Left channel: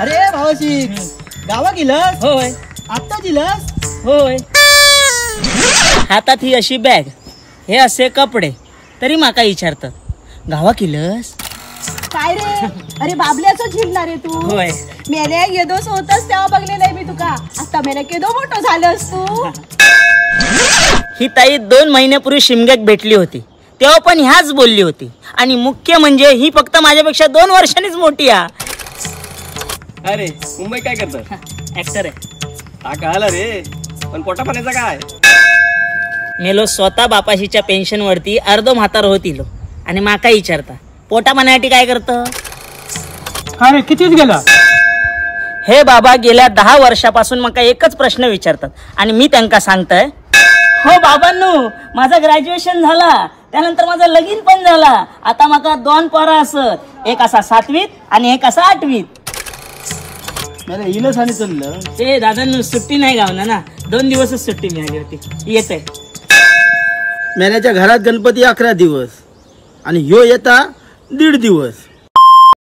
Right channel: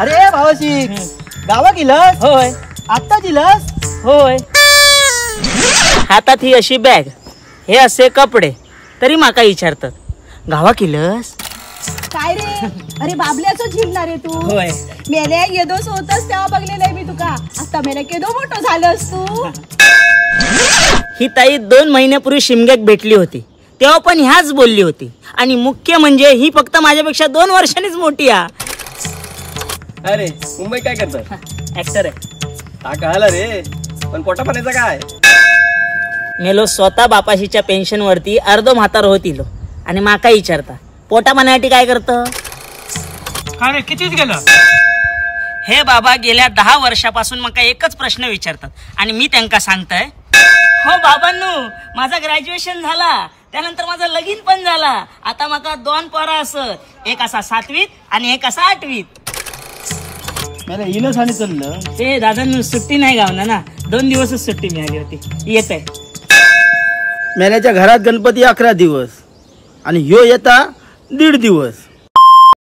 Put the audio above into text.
अरे भावाजी गावा गेलस? होय. आता दिलस? होय. हातात ही अशी बॅग, हे असे कपडे, तरी माका विचारतात गावा केलंस काय रे? अरे बाबल्याच झिलणार रे तू. होय. मेल्या येदोस होतस तेव्हा बघले नाही मी तुका. आता मेल्या केदो मोठं झालंस तू. ही ताई 2 महिन्यापूर्वी शिमग्यात भेटली होती, तेव्हा पण ह्याच बोलली होती. आणि मुख्य म्हणजे ही फक्त माझ्यापेक्षा 2 वर्षांनीच मोठी आहे. अरे मुंबई काय करतात? ऍक्टर आहे. हा कळाला रे, पण पोटा पाण्याचा काय? मेलो स्वतः बापाशीच्या पेन्शन वरती अर्धो म्हातार होतीलो आणि माका विचारता पोटा पाण्यासाठी काय करतं? अरे कितीच गेला? हे बाबा गेल्या 10 वर्षापासून मका एकच प्रश्न विचारतात आणि मी त्यांना सांगताय, हो बाबांनो, माझं ग्रॅज्युएशन झाला, त्यानंतर माझं लगीन पण झाला. आता माका 2 पोरं असत, एक असा 7वीत आणि एक असा 8वीत. मला इलस आणि चाललं. ते दादांनो सुट्टी नाही गावना ना, 2 दिवसच सुट्टी मिळाली होती. येत आहे. मेल्याच्या घरात गणपती 11 दिवस आणि ह्यो येता 1.5 दिवस.